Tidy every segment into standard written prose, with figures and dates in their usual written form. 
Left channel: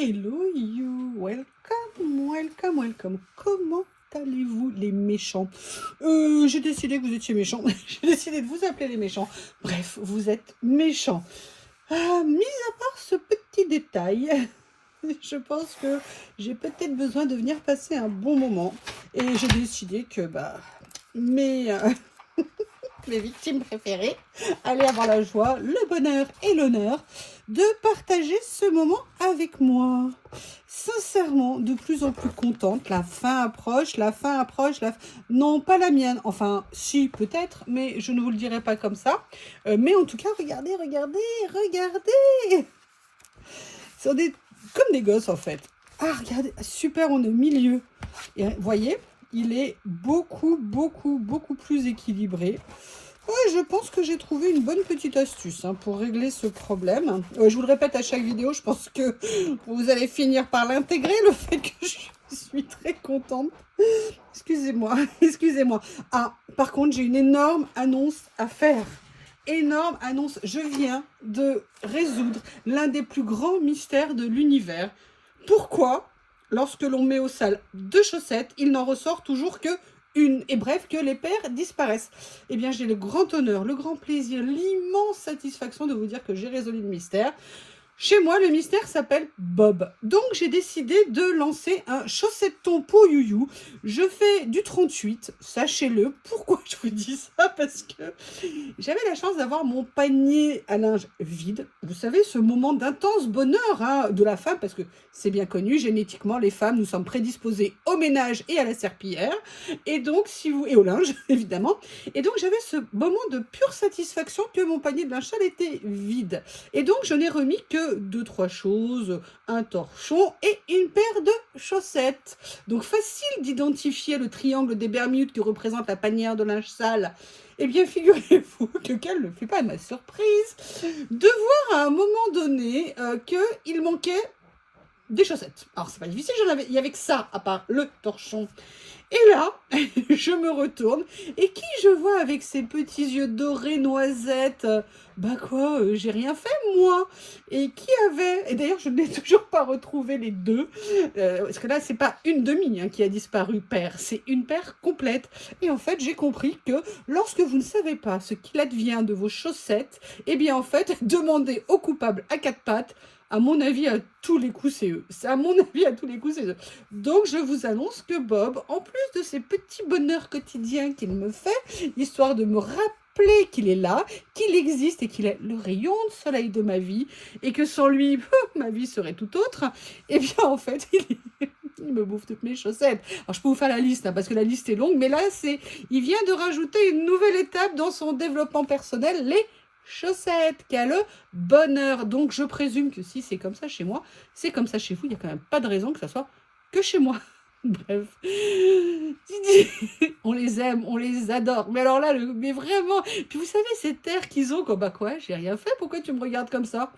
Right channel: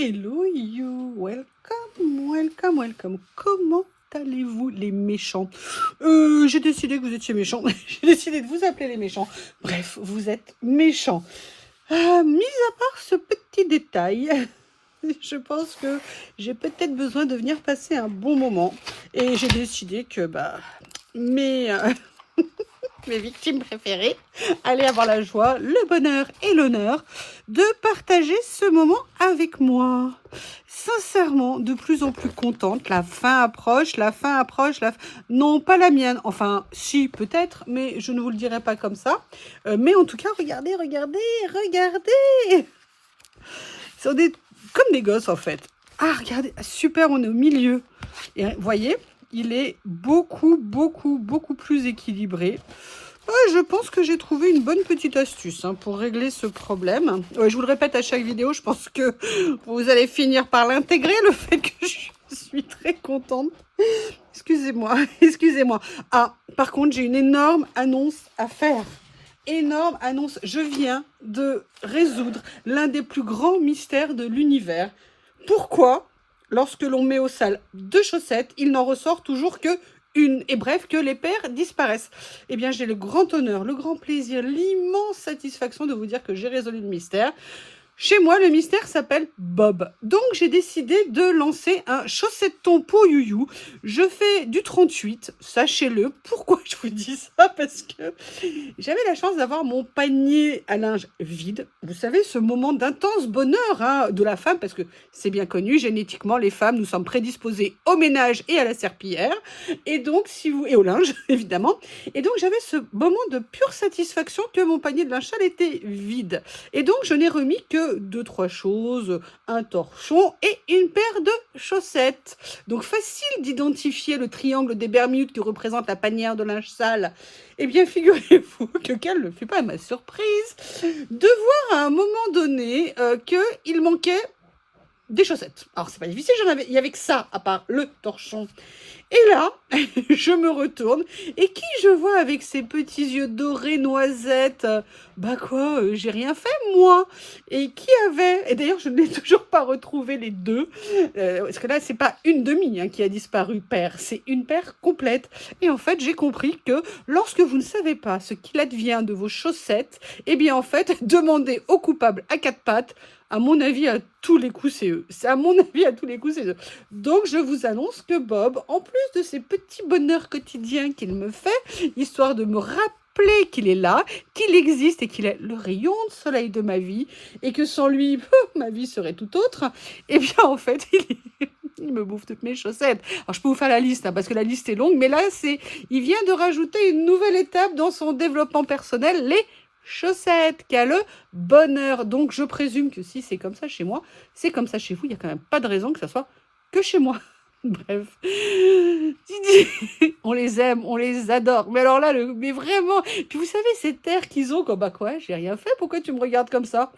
Hello you, welcome, welcome, welcome. Comment allez-vous les méchants? J'ai décidé que vous étiez méchants. J'ai décidé de vous appeler les méchants. Bref, vous êtes méchants. Mis à part ce petit détail, je pense que j'ai peut-être besoin de venir passer un bon moment. Et j'ai décidé que mes, mes victimes préférées allaient avoir la joie, le bonheur et l'honneur de partager ce moment avec moi. Sincèrement, de plus en plus contente. La fin approche, la fin approche. Non, pas la mienne. Enfin, si, peut-être, mais je ne vous le dirai pas comme ça. Mais en tout cas, regardez, regardez, regardez. Ils sont comme des gosses, en fait. Ah, regardez, super, on est au milieu. Et vous voyez, il est beaucoup, beaucoup, beaucoup plus équilibré. Je pense que j'ai trouvé une bonne petite astuce pour régler ce problème. Je vous le répète à chaque vidéo, je pense que vous allez finir par l'intégrer, le fait que je suis très contente. Excusez-moi, excusez-moi. Ah, par contre, j'ai une énorme annonce à faire. Énorme annonce. Je viens de résoudre l'un des plus grands mystères de l'univers. Pourquoi, lorsque l'on met au sale 2 chaussettes, il n'en ressort toujours que une, et bref, que les paires disparaissent? Eh bien, j'ai le grand honneur, le grand plaisir, l'immense satisfaction de vous dire que j'ai résolu le mystère. Chez moi, le mystère s'appelle Bob. Donc, j'ai décidé de lancer un chaussetton pour Youyou. Je fais du 38, sachez-le. Pourquoi je vous dis ça? Parce que j'avais la chance d'avoir mon panier à linge vide. Vous savez, ce moment d'intense bonheur de la femme, parce que c'est bien connu, génétiquement, les femmes, nous sommes prédisposées au ménage et à la serpillière. Et donc, et au linge, évidemment. Et donc, j'avais ce moment de pure satisfaction que mon panier de linge sale était vide. Et donc, je n'ai remis que 2-3 choses, un torchon et une paire de chaussettes. Donc, facile d'identifier le triangle des Bermudes qui représente la panière de linge sale. Eh bien, figurez-vous que quelle ne fut pas ma surprise de voir à un moment donné qu'il manquait des chaussettes. Alors, c'est pas difficile, il y avait que ça, à part le torchon. Et là, je me retourne, et qui je vois avec ses petits yeux dorés noisettes? J'ai rien fait, moi. Et qui avait... Et d'ailleurs, je n'ai toujours pas retrouvé les deux, parce que là, c'est pas une demi qui a disparu, paire, c'est une paire complète. Et en fait, j'ai compris que lorsque vous ne savez pas ce qu'il advient de vos chaussettes, eh bien, en fait, demandez au coupable à 4 pattes. À mon avis, à tous les coups, c'est eux. À mon avis, à tous les coups, c'est eux. Donc, je vous annonce que Bob, en plus de ces petits bonheurs quotidiens qu'il me fait, histoire de me rappeler qu'il est là, qu'il existe et qu'il est le rayon de soleil de ma vie, et que sans lui, ma vie serait tout autre, eh bien, en fait, il me bouffe toutes mes chaussettes. Alors, je peux vous faire la liste, parce que la liste est longue, mais là, il vient de rajouter une nouvelle étape dans son développement personnel, les chaussettes, qui a le bonheur. Donc, je présume que si c'est comme ça chez moi, c'est comme ça chez vous. Il n'y a quand même pas de raison que ça soit que chez moi. Bref. On les aime, on les adore. Mais alors là, mais vraiment. Puis vous savez, cet air qu'ils ont, comme j'ai rien fait, pourquoi tu me regardes comme ça?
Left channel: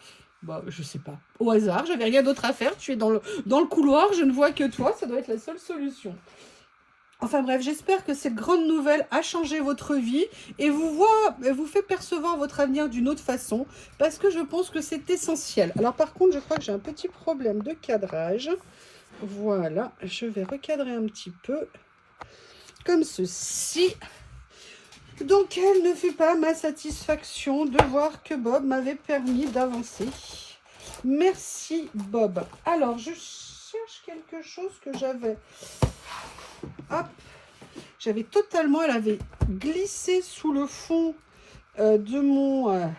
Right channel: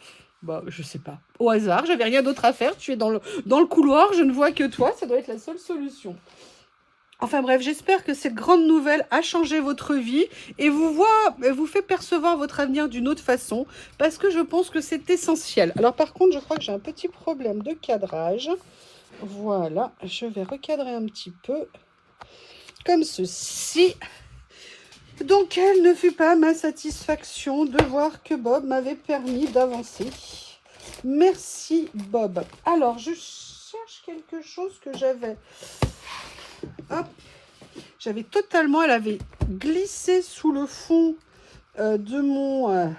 Je sais pas. Au hasard, j'avais rien d'autre à faire. Tu es dans le couloir, je ne vois que toi. Ça doit être la seule solution. Enfin bref, j'espère que cette grande nouvelle a changé votre vie et vous fait percevoir votre avenir d'une autre façon, parce que je pense que c'est essentiel. Alors par contre, je crois que j'ai un petit problème de cadrage. Voilà, je vais recadrer un petit peu, comme ceci. Donc, quelle ne fut pas ma satisfaction de voir que Bob m'avait permis d'avancer. Merci Bob. Alors, je cherche quelque chose que j'avais... Hop. J'avais totalement, elle avait glissé sous le fond de mon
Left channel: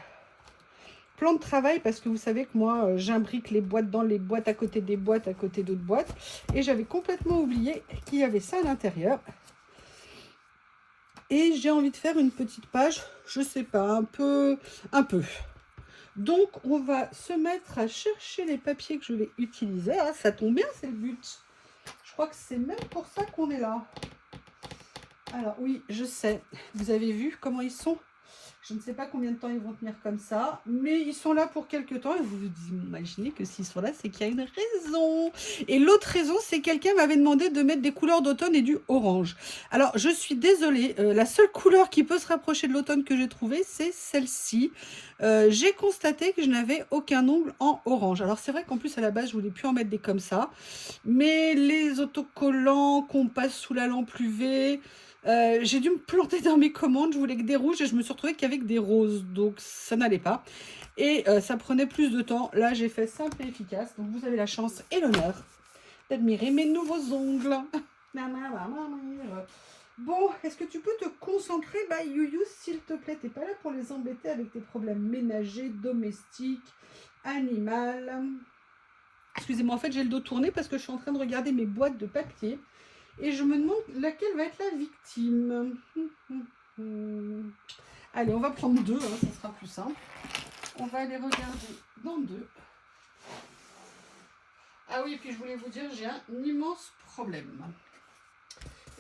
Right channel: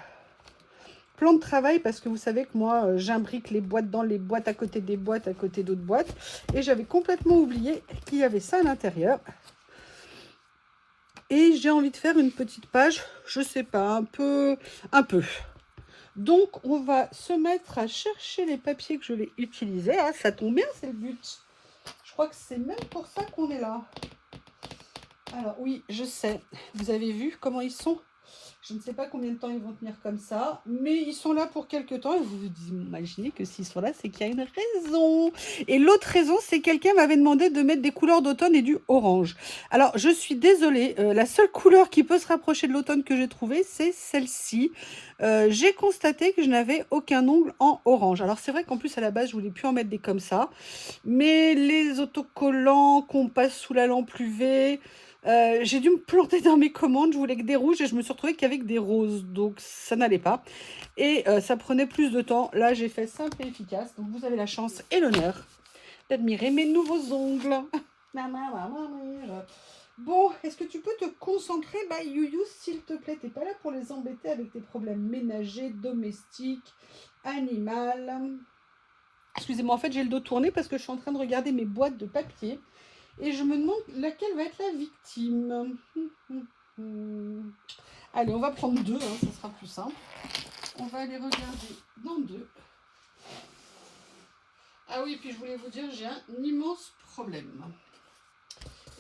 plan de travail, parce que vous savez que moi, j'imbrique les boîtes dans les boîtes, à côté des boîtes, à côté d'autres boîtes. Et j'avais complètement oublié qu'il y avait ça à l'intérieur. Et j'ai envie de faire une petite page, je sais pas, un peu. Donc, on va se mettre à chercher les papiers que je vais utiliser. Ah, ça tombe bien, c'est le but. Je crois que c'est même pour ça qu'on est là. Alors oui, je sais, vous avez vu comment ils sont Je ne sais pas combien de temps ils vont tenir comme ça, mais ils sont là pour quelques temps. Et vous vous imaginez que s'ils sont là, c'est qu'il y a une raison. Et l'autre raison, c'est que quelqu'un m'avait demandé de mettre des couleurs d'automne et du orange. Alors, je suis désolée, la seule couleur qui peut se rapprocher de l'automne que j'ai trouvée, c'est celle-ci. J'ai constaté que je n'avais aucun ongle en orange. Alors, c'est vrai qu'en plus, à la base, je voulais plus en mettre des comme ça. Mais les autocollants qu'on passe sous la lampe UV... j'ai dû me planter dans mes commandes, je voulais que des rouges et je me suis retrouvée qu'avec des roses, donc ça n'allait pas. Et ça prenait plus de temps. Là, j'ai fait simple et efficace, donc vous avez la chance et l'honneur d'admirer mes nouveaux ongles. Bon, est-ce que tu peux te concentrer, Youyou, s'il te plaît? T'es pas là pour les embêter avec tes problèmes ménagers, domestiques, animal. Excusez-moi, en fait, j'ai le dos tourné parce que je suis en train de regarder mes boîtes de papier. Et je me demande laquelle va être la victime. Allez, on va prendre deux, hein, ça sera plus simple. On va aller regarder dans deux. Ah oui, puis je voulais vous dire, j'ai un immense problème.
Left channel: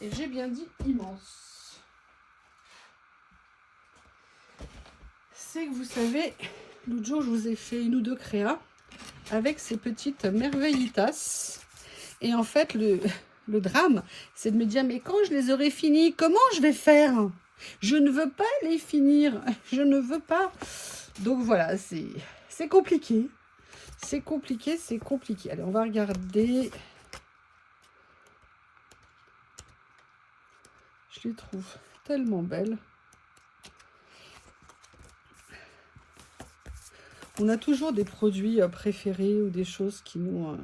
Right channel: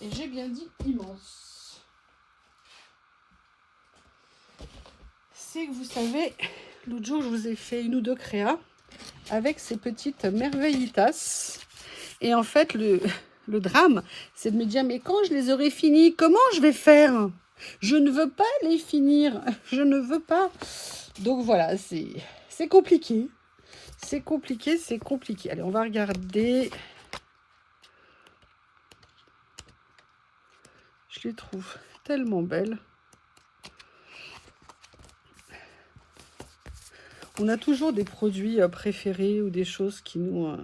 Et j'ai bien dit immense. C'est que vous savez, l'autre jour, je vous ai fait une ou deux créas avec ces petites merveillitas. Et en fait, le drame, c'est de me dire, mais quand je les aurai finis, comment je vais faire? Je ne veux pas les finir. Je ne veux pas. Donc voilà, c'est compliqué. C'est compliqué, c'est compliqué. Allez, on va regarder. Je les trouve tellement belles. On a toujours des produits préférés ou des choses qui nous...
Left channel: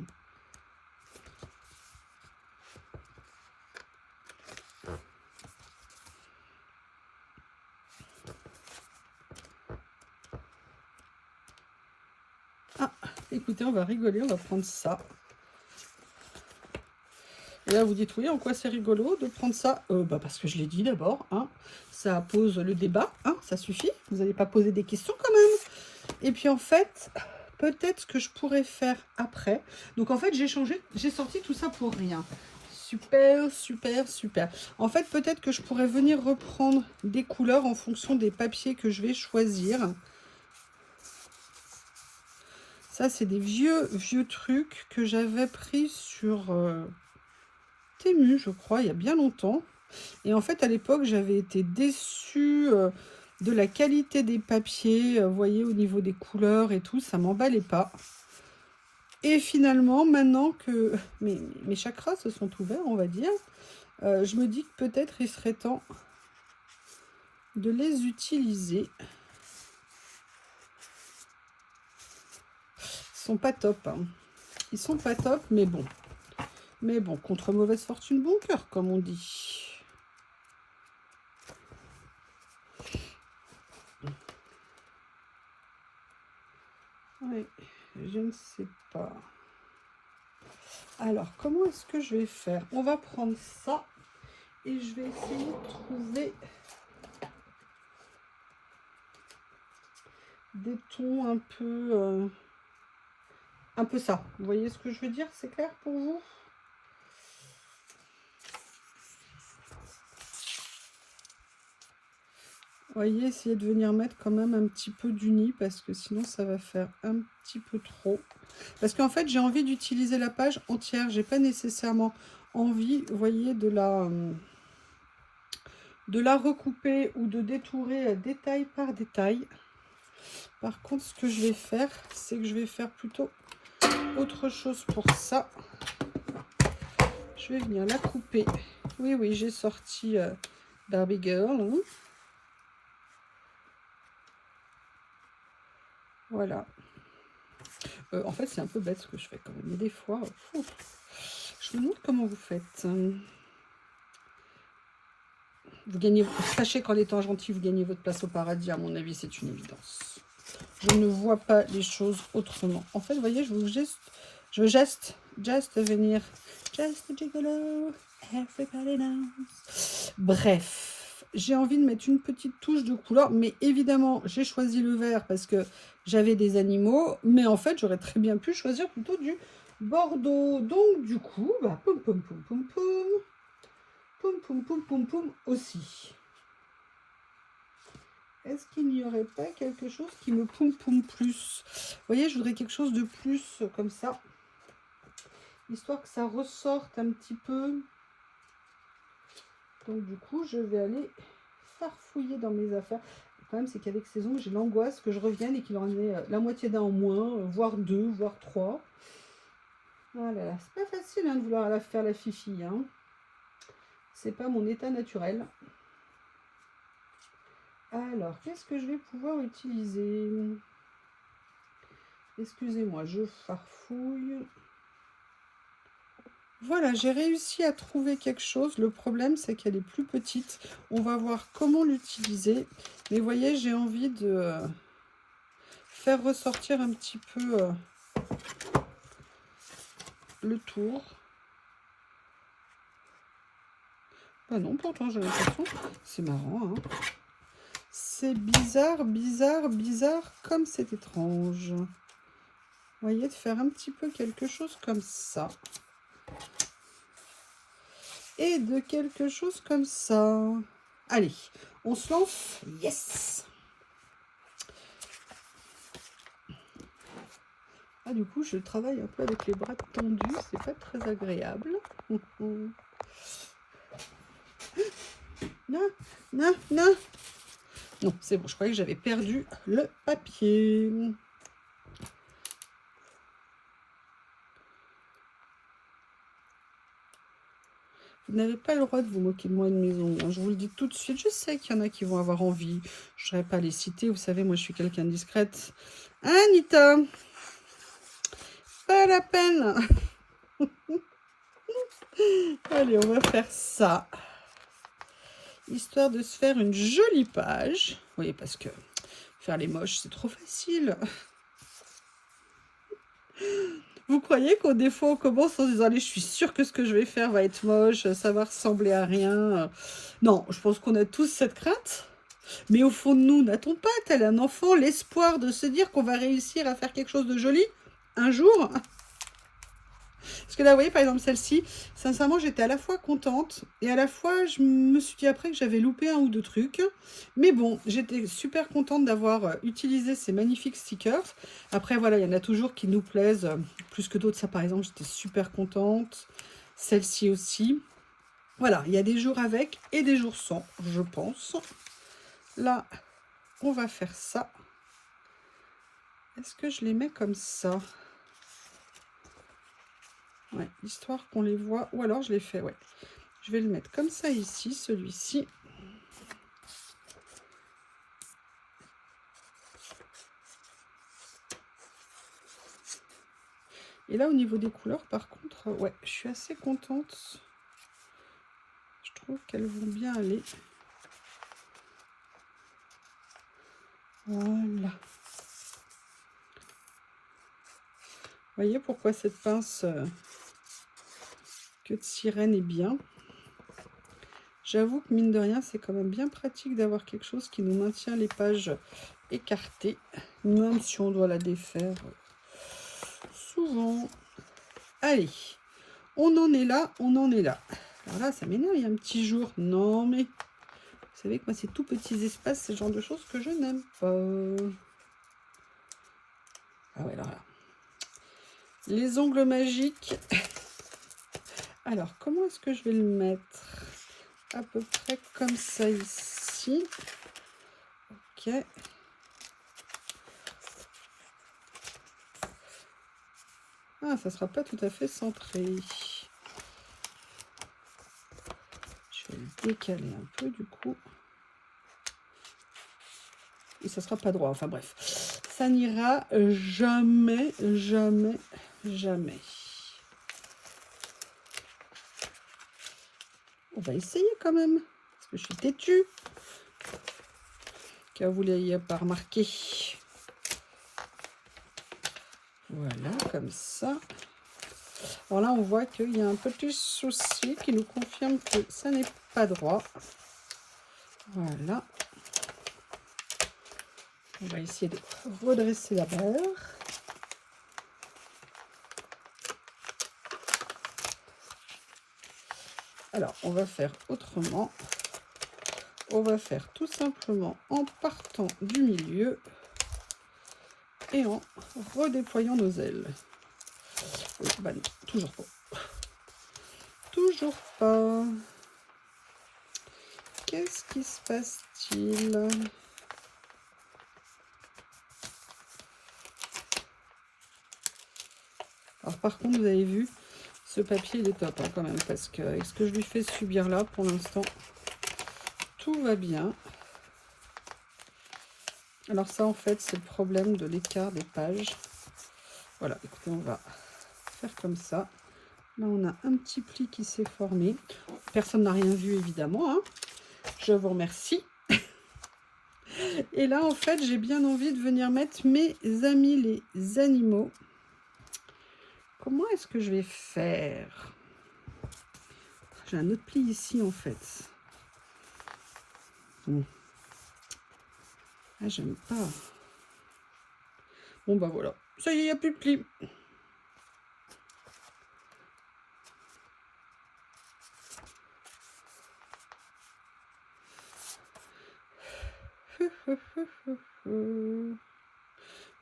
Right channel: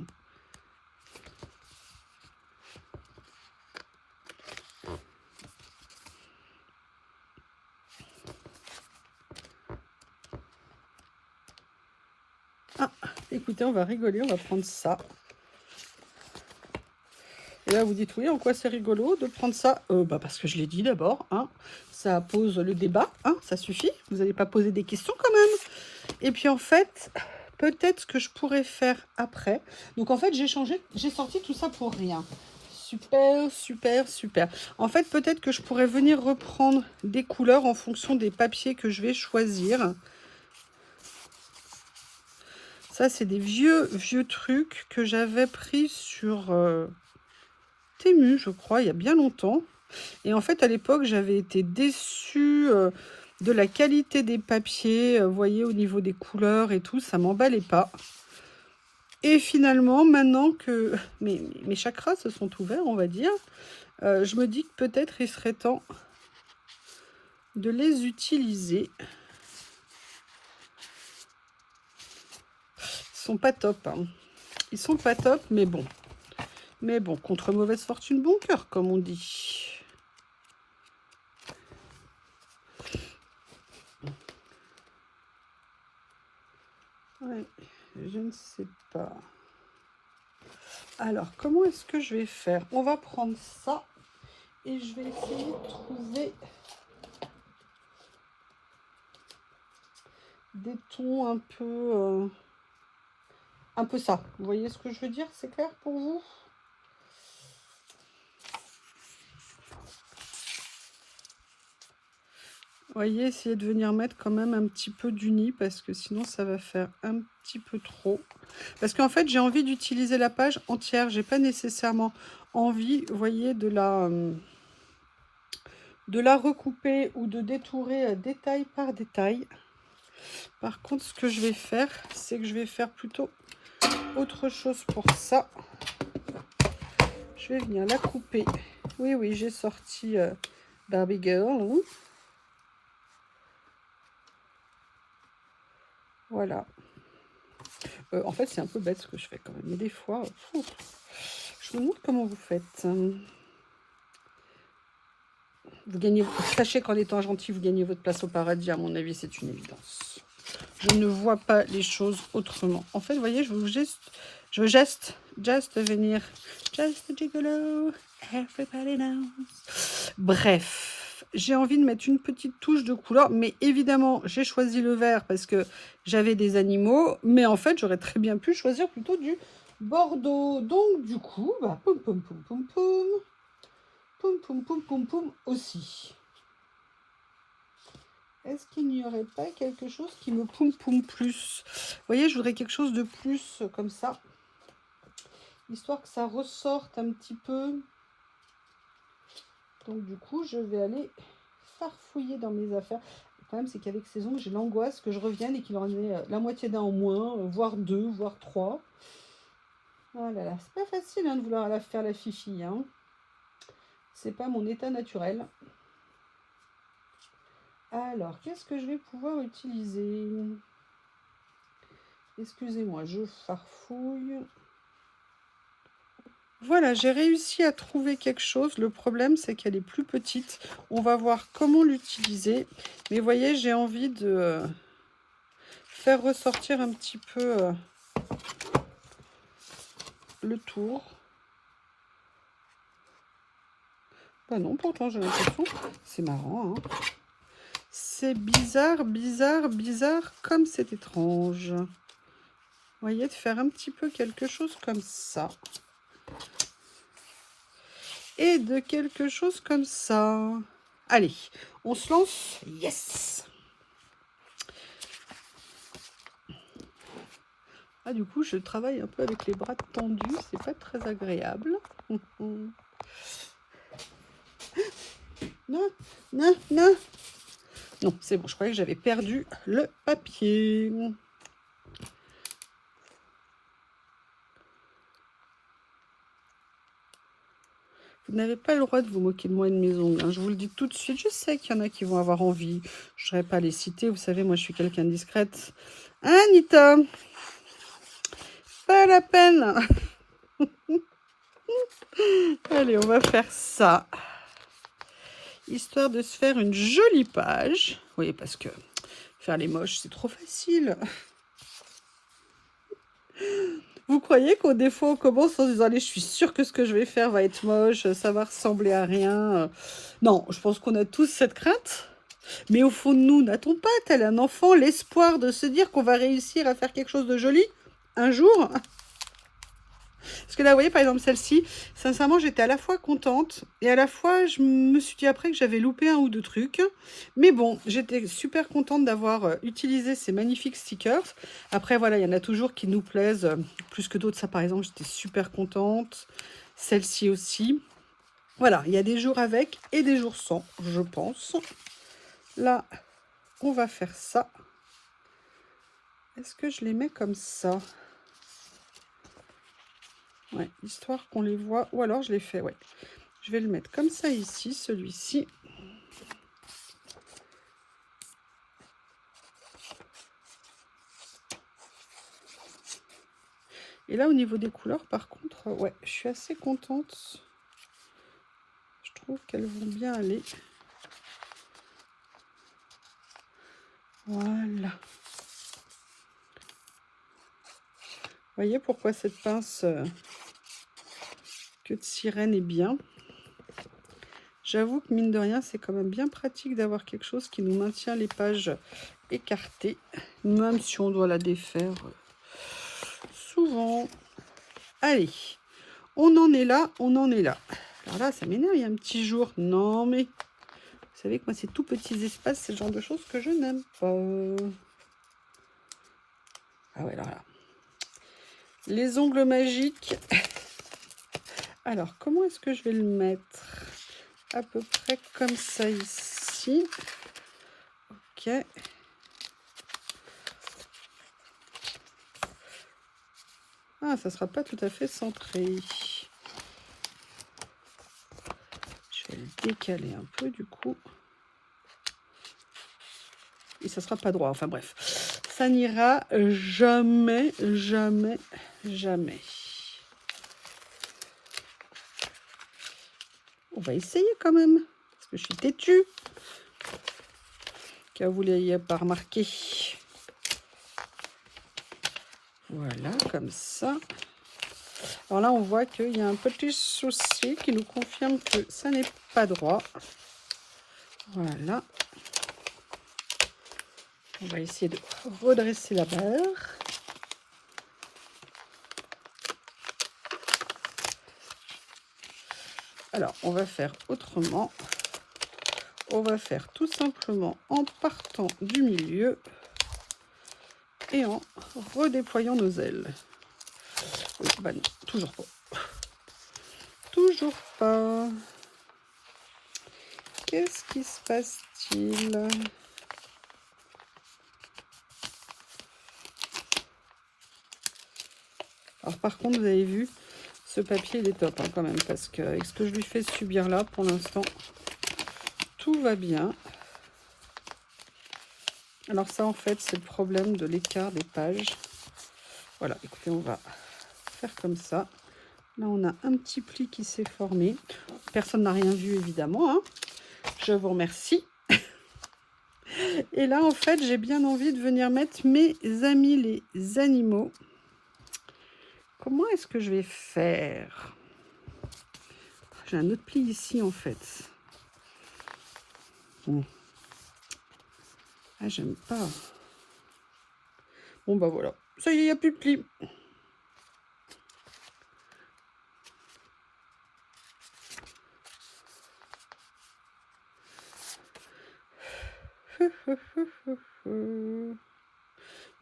Ah, écoutez, on va rigoler, on va prendre ça. Et là, vous dites, oui, en quoi c'est rigolo de prendre ça? Parce que je l'ai dit d'abord, hein, ça pose le débat, hein, ça suffit. Vous n'allez pas poser des questions quand même. Et puis en fait, peut-être ce que je pourrais faire après. Donc en fait, j'ai sorti tout ça pour rien. Super, super, super. En fait, peut-être que je pourrais venir reprendre des couleurs en fonction des papiers que je vais choisir. Ça, c'est des vieux trucs que j'avais pris sur Temu, je crois, il y a bien longtemps. Et en fait, à l'époque, j'avais été déçue de la qualité des papiers. Vous voyez, au niveau des couleurs et tout, ça m'emballait pas. Et finalement, maintenant que mes chakras se sont ouverts, on va dire, je me dis que peut-être il serait temps de les utiliser. Ils sont pas top, hein. Ils sont pas top, mais bon. Mais bon, contre mauvaise fortune, bon cœur, comme on dit. Ouais, je ne sais pas. Alors, comment est-ce que je vais faire? On va prendre ça et je vais essayer de trouver des tons un peu ça. Vous voyez ce que je veux dire? C'est clair pour vous? Vous voyez, essayez de venir mettre quand même un petit peu d'uni parce que sinon ça va faire un petit peu trop. Parce qu'en fait, j'ai envie d'utiliser la page entière. J'ai pas nécessairement envie, vous voyez, de la recouper ou de détourer détail par détail. Par contre, ce que je vais faire, c'est que je vais faire plutôt autre chose pour ça. Je vais venir la couper. Oui, oui, j'ai sorti Barbie Girl. Hein. Voilà. En fait, c'est un peu bête ce que je fais quand même. Mais des fois, je me demande comment vous faites. Vous gagnez, sachez qu'en étant gentil, vous gagnez votre place au paradis. À mon avis, c'est une évidence. Je ne vois pas les choses autrement. En fait, vous voyez, je veux just venir. Just gigolo, everybody knows. Bref, j'ai envie de mettre une petite touche de couleur. Mais évidemment, j'ai choisi le vert parce que j'avais des animaux. Mais en fait, j'aurais très bien pu choisir plutôt du bordeaux. Donc, du coup, poum, poum, poum, poum, poum. Poum, poum, poum, poum, poum aussi. est-ce qu'il n'y aurait pas quelque chose qui me poum plus? Vous voyez, je voudrais quelque chose de plus comme ça. Histoire que ça ressorte un petit peu. Donc du coup, je vais aller farfouiller dans mes affaires. Le problème, c'est qu'avec ces ongles, j'ai l'angoisse que je revienne et qu'il en ait la moitié d'un en moins, voire 2, voire 3. Oh là là, c'est pas facile de vouloir la faire la fifi. Hein. C'est pas mon état naturel. Alors, qu'est-ce que je vais pouvoir utiliser? Excusez-moi, je farfouille. Voilà, j'ai réussi à trouver quelque chose. Le problème, c'est qu'elle est plus petite. On va voir comment l'utiliser. Mais vous voyez, j'ai envie de faire ressortir un petit peu le tour. Bah non, pourtant, j'ai l'impression. C'est marrant, hein. C'est bizarre, bizarre, bizarre, comme c'est étrange. Vous voyez, de faire un petit peu quelque chose comme ça. Et de quelque chose comme ça. Allez, on se lance. Yes! Ah, du coup, je travaille un peu avec les bras tendus. C'est pas très agréable. Non, non, non. Non, c'est bon. Je croyais que j'avais perdu le papier. Vous n'avez pas le droit de vous moquer de moi et de mes ongles. Hein. Je vous le dis tout de suite. Je sais qu'il y en a qui vont avoir envie. Je ne saurais pas les citer. Vous savez, moi, je suis quelqu'un de discrète. Hein, Anita? Pas la peine. Allez, on va faire ça. Histoire de se faire une jolie page. Oui, parce que faire les moches, c'est trop facile. Vous croyez qu'au défaut, on commence en se disant, allez, je suis sûre que ce que je vais faire va être moche, ça va ressembler à rien. Non, je pense qu'on a tous cette crainte. Mais au fond de nous, n'a-t-on pas, tel un enfant, l'espoir de se dire qu'on va réussir à faire quelque chose de joli un jour? Parce que là, vous voyez, par exemple, celle-ci, sincèrement, j'étais à la fois contente et à la fois, je me suis dit après que j'avais loupé un ou deux trucs. Mais bon, j'étais super contente d'avoir utilisé ces magnifiques stickers. Après, voilà, il y en a toujours qui nous plaisent plus que d'autres. Ça, par exemple, j'étais super contente. Celle-ci aussi. Voilà, il y a des jours avec et des jours sans, je pense. Là, on va faire ça. Est-ce que je les mets comme ça? Ouais, histoire qu'on les voit. Ou alors je les fais, ouais. Je vais le mettre comme ça ici, celui-ci. Et là, au niveau des couleurs, par contre, ouais, je suis assez contente. Je trouve qu'elles vont bien aller. Voilà. Vous voyez pourquoi cette pince queue de sirène est bien. J'avoue que mine de rien, c'est quand même bien pratique d'avoir quelque chose qui nous maintient les pages écartées, même si on doit la défaire souvent. Allez, on en est là, on en est là. Alors là, ça m'énerve, il y a un petit jour. Non, mais vous savez que moi, ces tout petits espaces, c'est le genre de choses que je n'aime pas. Ah ouais, alors là. Les ongles magiques. Alors, comment est-ce que je vais le mettre? À peu près comme ça ici. Ok. Ah, ça sera pas tout à fait centré. Je vais le décaler un peu du coup. Et ça sera pas droit. Enfin bref. Ça n'ira jamais, jamais, jamais. On va essayer quand même. Parce que je suis têtue. Car vous ne l'ayez pas remarqué. Voilà, comme ça. Alors là, on voit qu'il y a un petit souci qui nous confirme que ça n'est pas droit. Voilà. On va essayer de redresser la barre. Alors, on va faire autrement. on va faire tout simplement en partant du milieu et en redéployant nos ailes. Bah non, toujours pas. Toujours pas. Qu'est-ce qui se passe-t-il? Alors par contre, vous avez vu, ce papier il est top hein, quand même, parce qu'avec ce que je lui fais subir là, pour l'instant, tout va bien. Alors ça, en fait, c'est le problème de l'écart des pages. Voilà, écoutez, on va faire comme ça. Là, on a un petit pli qui s'est formé. Personne n'a rien vu, évidemment, hein. Je vous remercie. Et là, en fait, j'ai bien envie de venir mettre mes amis les animaux. Comment est-ce que je vais faire? J'ai un autre pli ici, en fait. Bon. Ah, j'aime pas. Bon, bah voilà. Ça y est, il n'y a plus de pli.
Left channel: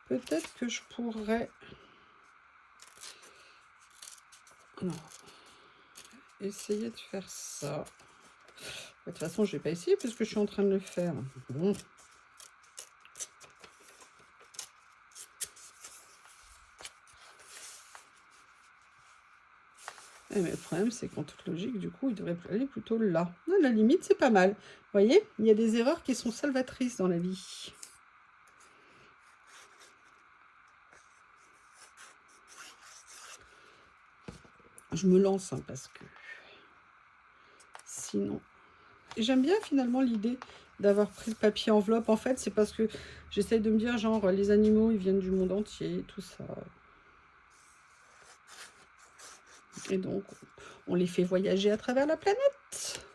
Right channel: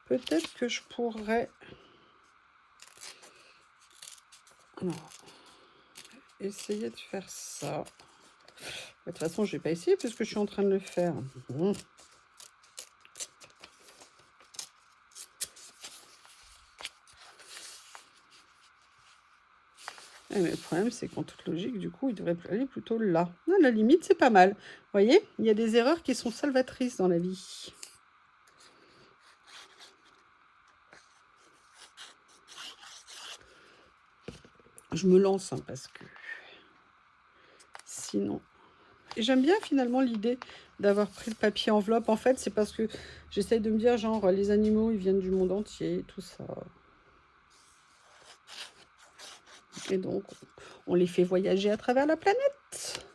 Peut-être que je pourrais... Non. Essayer de faire ça. De toute façon, je vais pas essayer puisque je suis en train de le faire. Bon. Mais le problème, c'est qu'en toute logique, du coup, il devrait aller plutôt là. À la limite, c'est pas mal. Vous voyez, il y a des erreurs qui sont salvatrices dans la vie. Je me lance hein, parce que sinon... J'aime bien finalement l'idée d'avoir pris le papier enveloppe. En fait, c'est parce que j'essaye de me dire, genre, les animaux, ils viennent du monde entier, tout ça. Et donc, on les fait voyager à travers la planète.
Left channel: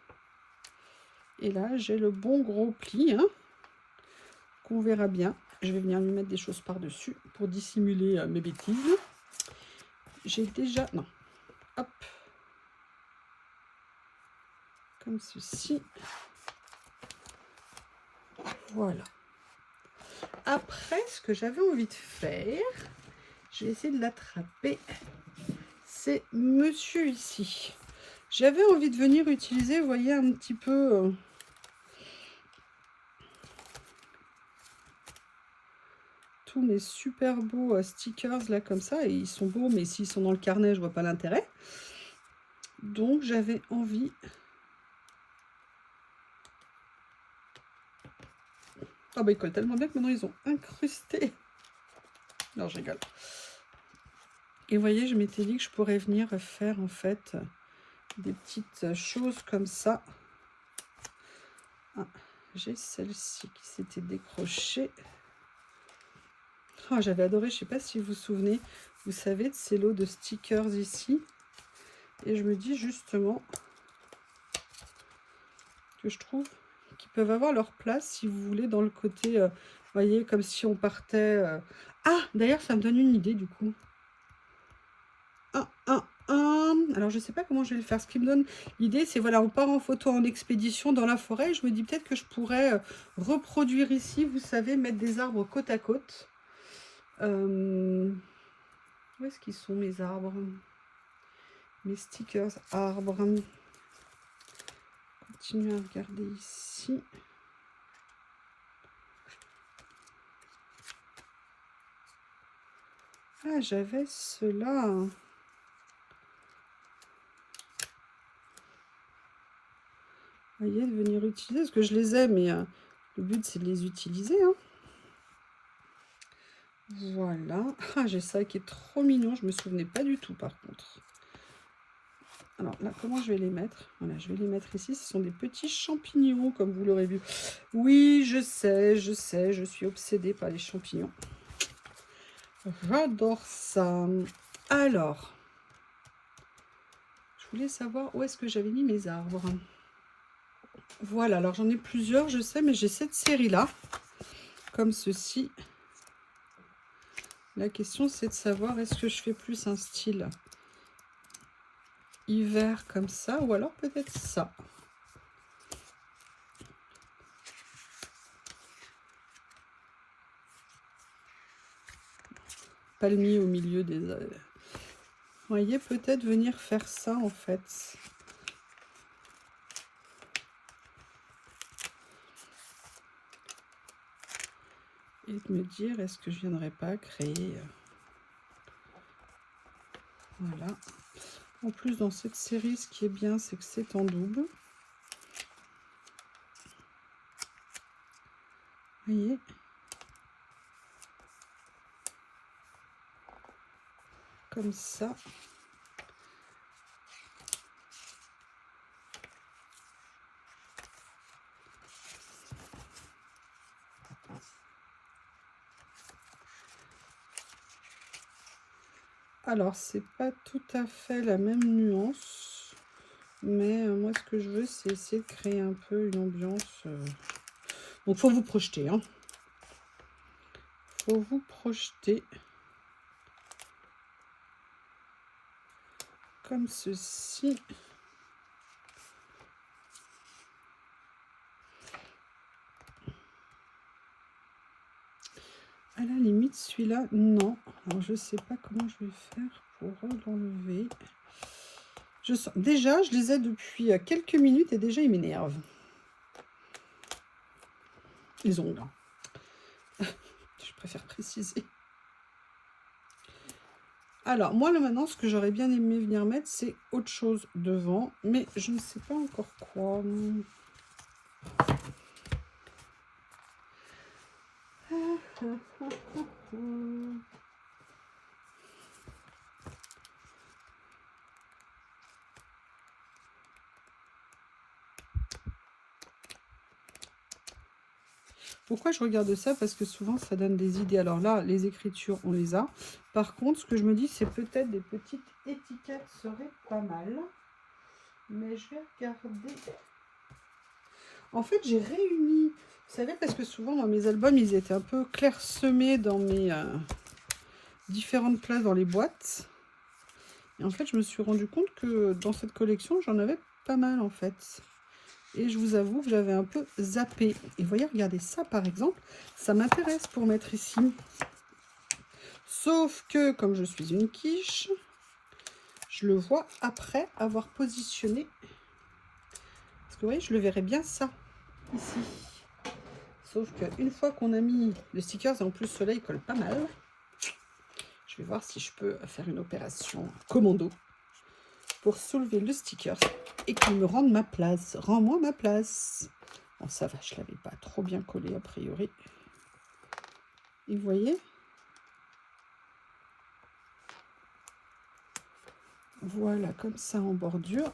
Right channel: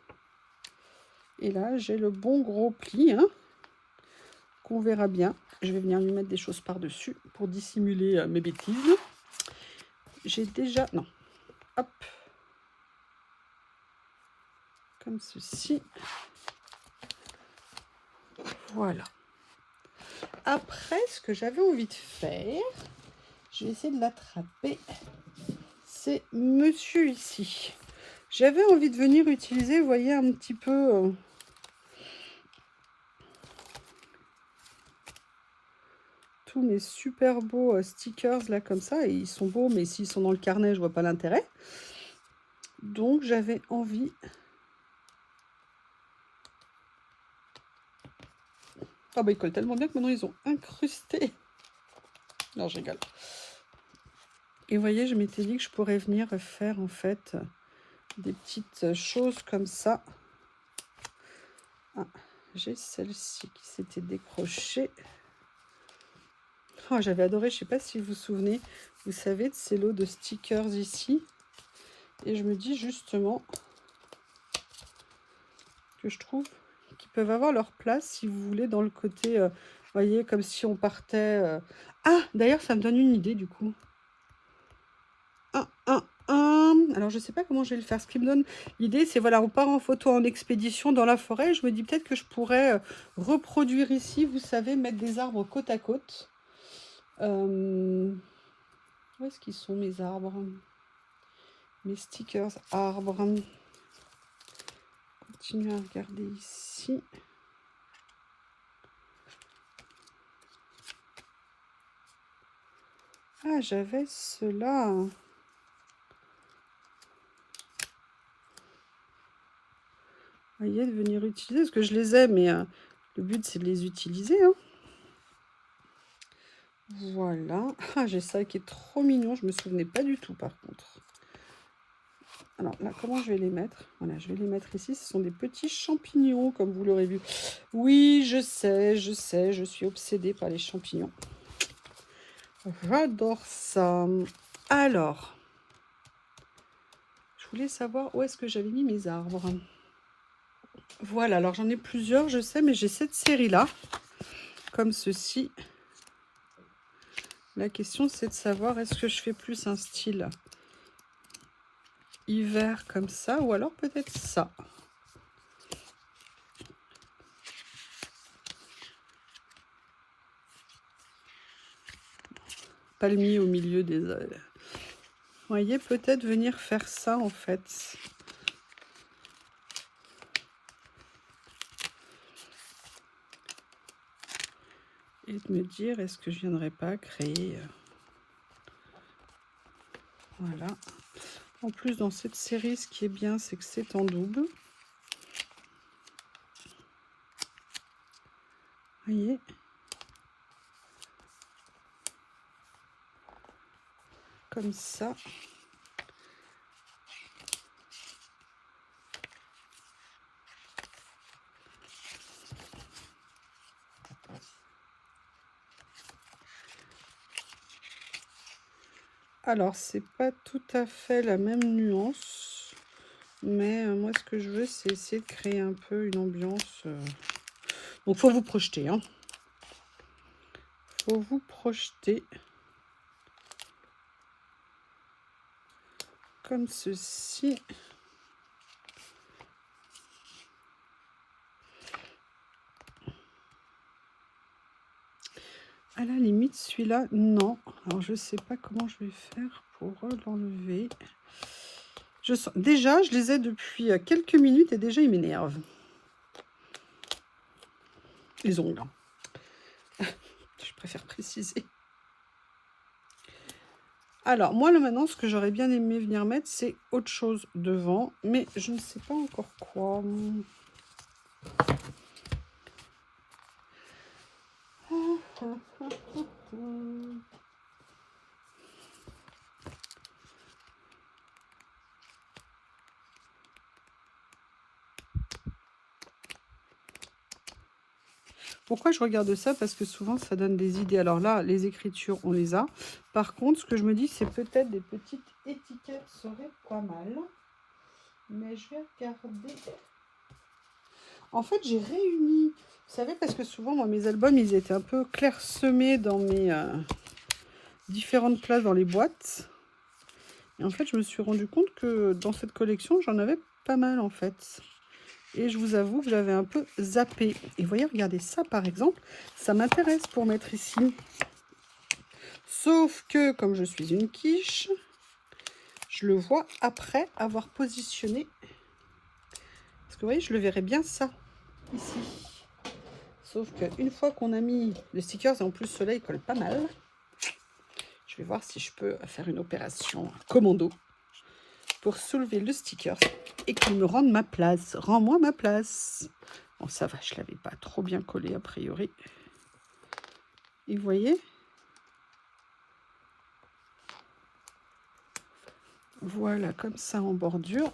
Et là, j'ai le bon gros pli, hein, qu'on verra bien. Je vais venir lui mettre des choses par-dessus pour dissimuler mes bêtises. J'ai déjà... Non. Hop. Comme ceci. Voilà. Après, ce que j'avais envie de faire, je vais essayer de l'attraper. C'est monsieur ici. J'avais envie de venir utiliser, vous voyez, un petit peu... tous mes super beaux stickers là comme ça. Et ils sont beaux, mais s'ils sont dans le carnet, je vois pas l'intérêt. Donc, j'avais envie... Ah bah ils collent tellement bien que maintenant ils ont incrusté. Non, je rigole. Et vous voyez, je m'étais dit que je pourrais venir faire en fait des petites choses comme ça. Ah, j'ai celle-ci qui s'était décrochée. Oh, j'avais adoré, je sais pas si vous vous souvenez, vous savez, de ces lots de stickers ici. Et je me dis justement que je trouve qu'ils peuvent avoir leur place, si vous voulez, dans le côté, vous voyez, comme si on partait... Ah, d'ailleurs, ça me donne une idée, du coup. Alors, je sais pas comment je vais le faire. Ce qui me donne l'idée, c'est, voilà, on part en photo en expédition dans la forêt. Je me dis peut-être que je pourrais reproduire ici, vous savez, mettre des arbres côte à côte. Où est-ce qu'ils sont, mes arbres? Mes stickers arbres. Continuez à regarder ici. Ah, j'avais ceux-là. Vous voyez, de venir utiliser, parce que je les ai, mais le but, c'est de les utiliser. Hein. Voilà. Ah, j'ai ça qui est trop mignon. Je me souvenais pas du tout, par contre. Alors là, comment je vais les mettre? Voilà, je vais les mettre ici. Ce sont des petits champignons, comme vous l'aurez vu. Oui, je sais, je suis obsédée par les champignons. J'adore ça. Alors, je voulais savoir où est-ce que j'avais mis mes arbres. Voilà, alors j'en ai plusieurs, je sais, mais j'ai cette série-là, comme ceci. La question, c'est de savoir, est-ce que je fais plus un style hiver comme ça, ou alors peut-être ça. palmier au milieu des... Vous voyez, peut-être venir faire ça, en fait. Et de me dire, est-ce que je viendrais pas créer... Voilà. En plus, dans cette série, ce qui est bien, c'est que c'est en double. Vous voyez? Comme ça. Alors, c'est pas tout à fait la même nuance, mais moi, ce que je veux, c'est essayer de créer un peu une ambiance. Donc, faut vous projeter, hein. Faut vous projeter. Comme ceci. À la limite, celui-là, non. Alors, je sais pas comment je vais faire pour l'enlever. Déjà, je les ai depuis quelques minutes et déjà, ils m'énervent. Les ongles. Je préfère préciser. Alors, moi, là, maintenant, ce que j'aurais bien aimé venir mettre, c'est autre chose devant. Mais je ne sais pas encore quoi. Pourquoi je regarde ça? Parce que souvent, ça donne des idées. Alors là, les écritures, on les a. Par contre, ce que je me dis, c'est peut-être des petites étiquettes seraient pas mal. Mais je vais regarder. En fait, j'ai réuni... Vous savez, parce que souvent, moi, mes albums, ils étaient un peu clairsemés dans mes différentes places dans les boîtes. Et en fait, je me suis rendu compte que dans cette collection, j'en avais pas mal, en fait. Et je vous avoue que je l'avais un peu zappé. Et vous voyez, regardez ça, par exemple. Ça m'intéresse pour mettre ici. Sauf que, comme je suis une quiche, je le vois après avoir positionné. Parce que, vous voyez, je le verrais bien ça, ici. Sauf qu'une fois qu'on a mis le sticker, et en plus, cela, il colle pas mal. Je vais voir si je peux faire une opération commando pour soulever le sticker et qu'il me rende ma place. Rends-moi ma place. Bon, ça va, je ne l'avais pas trop bien collé a priori. Et vous voyez? Voilà, comme ça en bordure.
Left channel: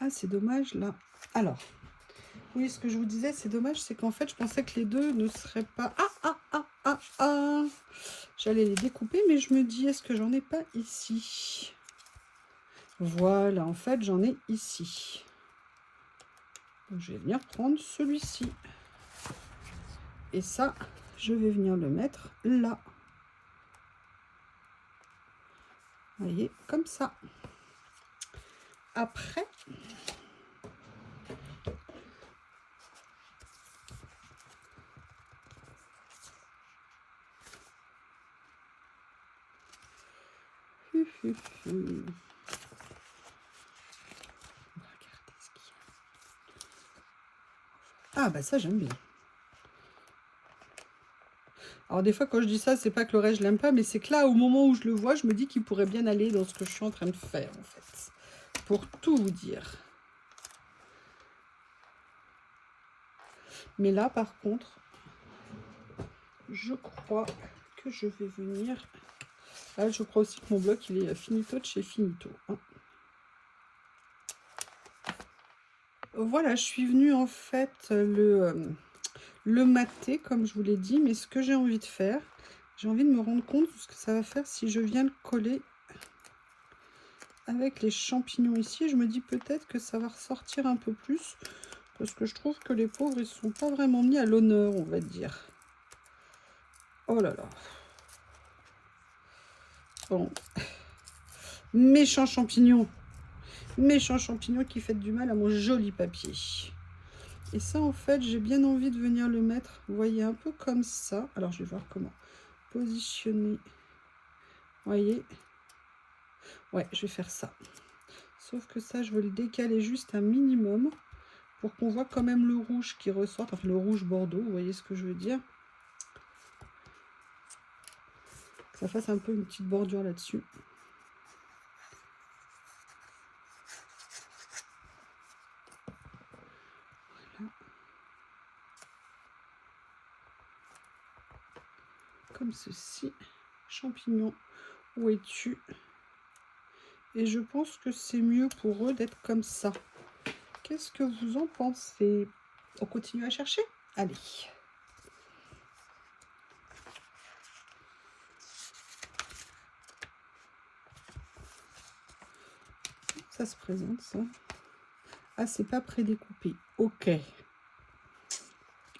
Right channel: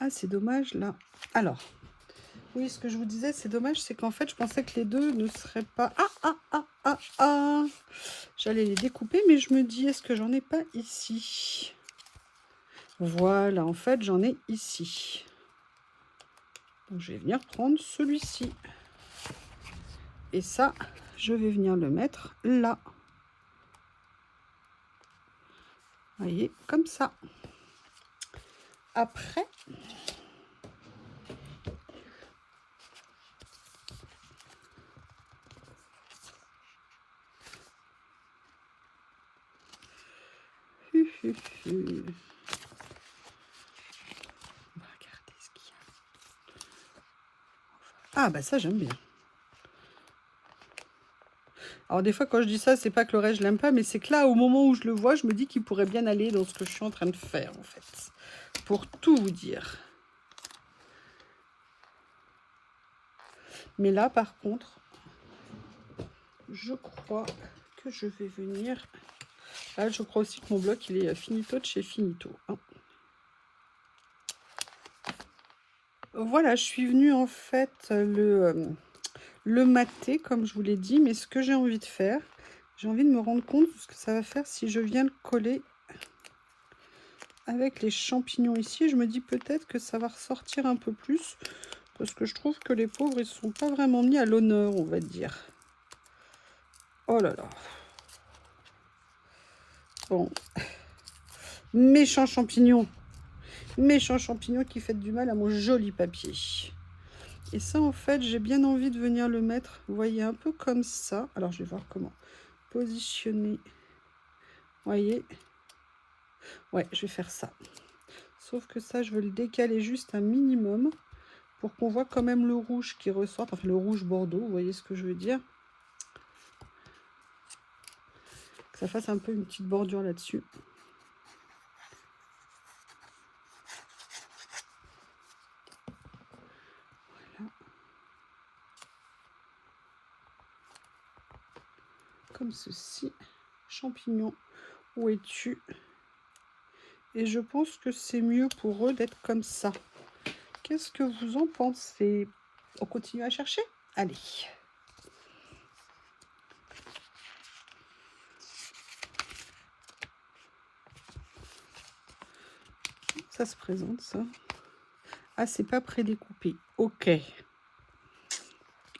Ah, c'est dommage là. Alors, oui, ce que je vous disais, c'est dommage, c'est qu'en fait, je pensais que les deux ne seraient pas... J'allais les découper, mais je me dis, est-ce que j'en ai pas ici? Voilà, en fait, j'en ai ici. Donc, je vais venir prendre celui-ci. Et ça, je vais venir le mettre là. Vous voyez, comme ça. Après... Regardez ce qu'il y a. Ah, bah ça, j'aime bien. Alors, des fois, quand je dis ça, c'est pas que le reste, je l'aime pas, mais c'est que là, au moment où je le vois, je me dis qu'il pourrait bien aller dans ce que je suis en train de faire, en fait. Pour tout vous dire. Mais là, par contre, je crois que je vais venir... Là, je crois aussi que mon bloc, il est finito de chez Finito. Hein. Voilà, je suis venue, en fait, le mater, comme je vous l'ai dit. Mais ce que j'ai envie de faire, j'ai envie de me rendre compte de ce que ça va faire si je viens le coller avec les champignons ici. Je me dis peut-être que ça va ressortir un peu plus. Parce que je trouve que les pauvres, ils ne sont pas vraiment mis à l'honneur, on va dire. Oh là là. Bon. Méchant champignon. Méchant champignon qui fait du mal à mon joli papier. Et ça, en fait, j'ai bien envie de venir le mettre, vous voyez, un peu comme ça. Alors, je vais voir comment positionner. Vous voyez? Ouais, je vais faire ça. Sauf que ça, je veux le décaler juste un minimum pour qu'on voit quand même le rouge qui ressort. Enfin, le rouge bordeaux, vous voyez ce que je veux dire? Que ça fasse un peu une petite bordure là-dessus. Voilà. Comme ceci. Champignon, où es-tu? Et je pense que c'est mieux pour eux d'être comme ça. Qu'est-ce que vous en pensez? On continue à chercher? Allez. Ça se présente, ça. Ah, c'est pas prédécoupé. Ok.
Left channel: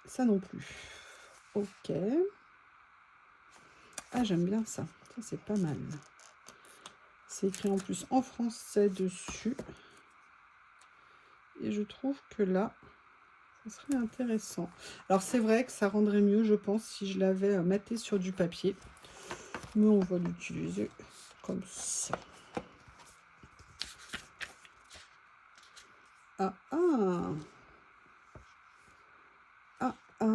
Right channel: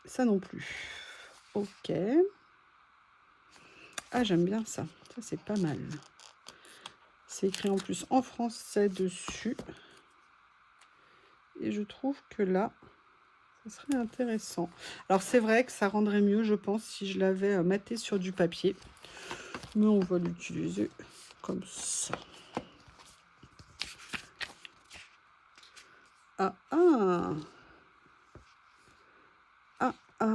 Ça non plus. Ok. Ah, j'aime bien ça. Ça, c'est pas mal. C'est écrit en plus en français dessus. Et je trouve que là, ça serait intéressant. Alors, c'est vrai que ça rendrait mieux, je pense, si je l'avais maté sur du papier. Mais on va l'utiliser comme ça. Ah, ah. Ah, ah.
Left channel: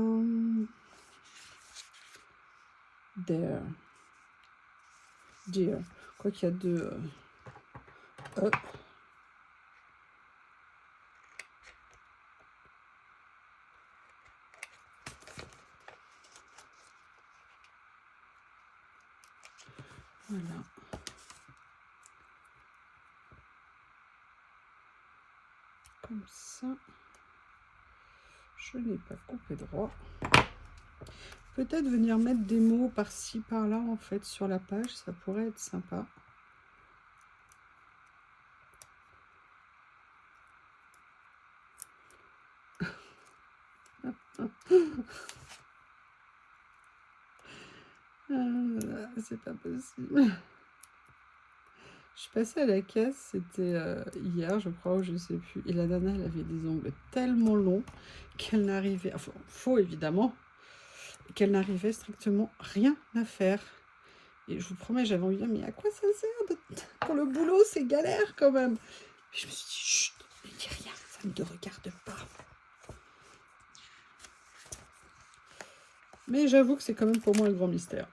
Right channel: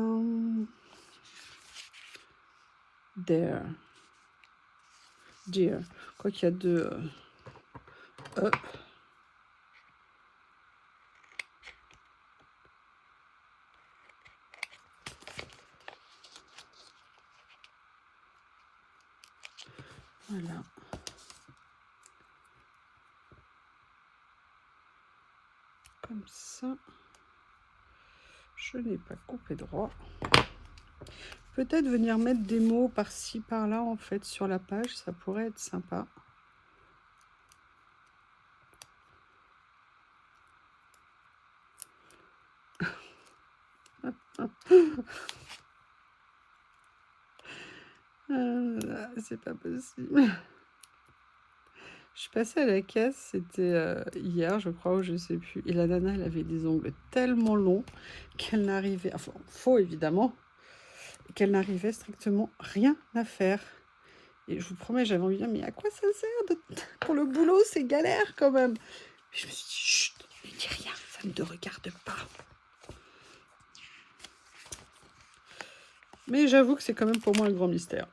There. Dear. Quoi qu'il y a deux E. Voilà. Comme ça. Je n'ai pas coupé droit. Peut-être venir mettre des mots par-ci, par-là, en fait, sur la page. Ça pourrait être sympa. C'est pas possible. Je suis passée à la caisse, c'était hier, je crois, ou je sais plus. Et la nana, elle avait des ongles tellement longs qu'elle n'arrivait, enfin, faux évidemment, qu'elle n'arrivait strictement rien à faire. Et je vous promets, j'avais envie de dire, mais à quoi ça sert pour le boulot, c'est galère quand même. Et je me suis dit, chut, ne dis rien, ça ne te regarde pas. Mais j'avoue que c'est quand même pour moi un grand mystère.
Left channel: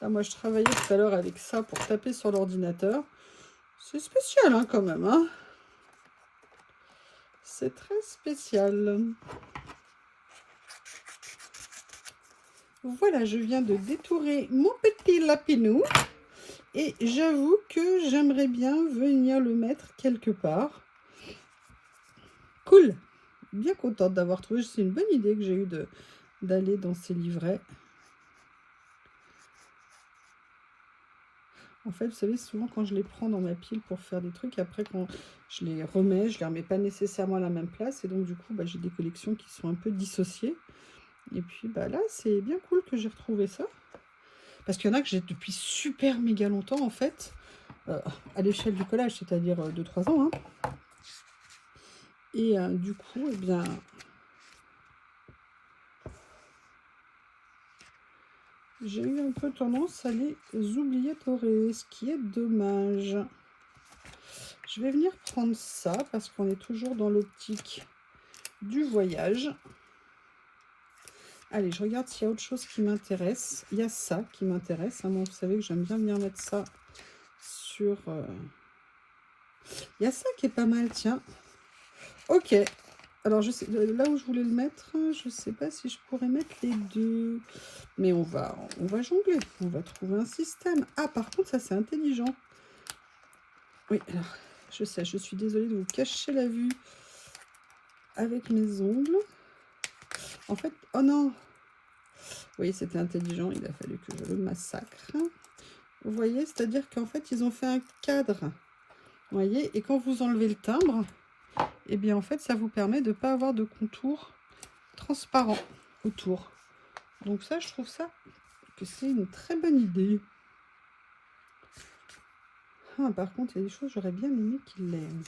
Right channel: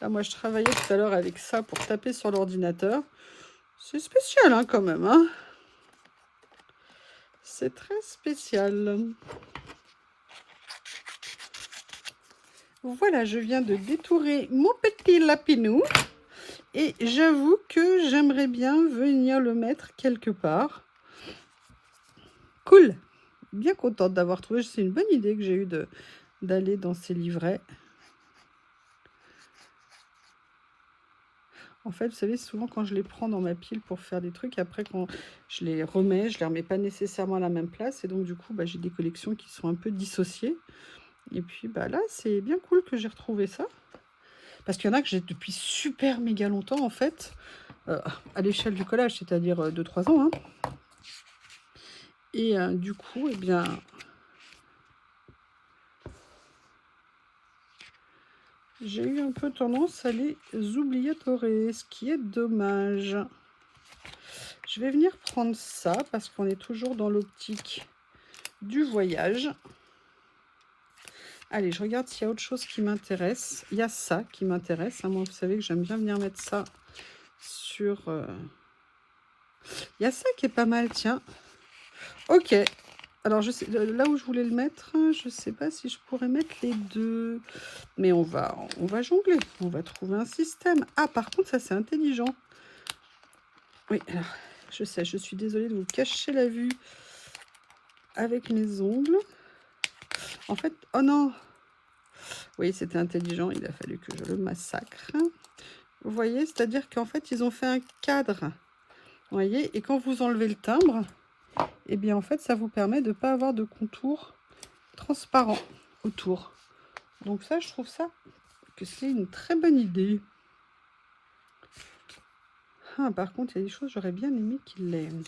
Ah, moi, je travaillais tout à l'heure avec ça pour taper sur l'ordinateur. C'est spécial, hein, quand même. Hein, c'est très spécial. Voilà, je viens de détourer mon petit lapinou. Et j'avoue que j'aimerais bien venir le mettre quelque part. Cool. Bien contente d'avoir trouvé. C'est une bonne idée que j'ai eue d'aller dans ces livrets. En fait, vous savez, souvent quand je les prends dans ma pile pour faire des trucs, après quand je les remets, je les remets pas nécessairement à la même place. Et donc du coup, j'ai des collections qui sont un peu dissociées. Et puis là, c'est bien cool que j'ai retrouvé ça. Parce qu'il y en a que j'ai depuis super méga longtemps, en fait, à l'échelle du collage, c'est-à-dire 2-3 ans. Hein. Et du coup, eh bien, j'ai eu un peu tendance à les oubliatorer, ce qui est dommage. Je vais venir prendre ça parce qu'on est toujours dans l'optique du voyage. Allez, je regarde s'il y a autre chose qui m'intéresse. Il y a ça qui m'intéresse. Hein. Moi, vous savez que j'aime bien venir mettre ça sur... Il y a ça qui est pas mal, tiens. Ok. Alors, je sais, là où je voulais le mettre, je ne sais pas si je pourrais mettre les deux. Mais on va jongler. On va trouver un système. Ah, par contre, ça, c'est intelligent. Oui, alors, je sais, je suis désolée de vous cacher la vue avec mes ongles. En fait, oh non. Oui, c'était intelligent. Il a fallu que je le massacre. Vous voyez, c'est-à-dire qu'en fait, ils ont fait un cadre. Vous voyez, et quand vous enlevez le timbre, eh bien, en fait, ça vous permet de ne pas avoir de contour transparent autour. Donc ça, je trouve ça que c'est une très bonne idée. Ah, par contre, il y a des choses, j'aurais bien aimé qu'il l'aime.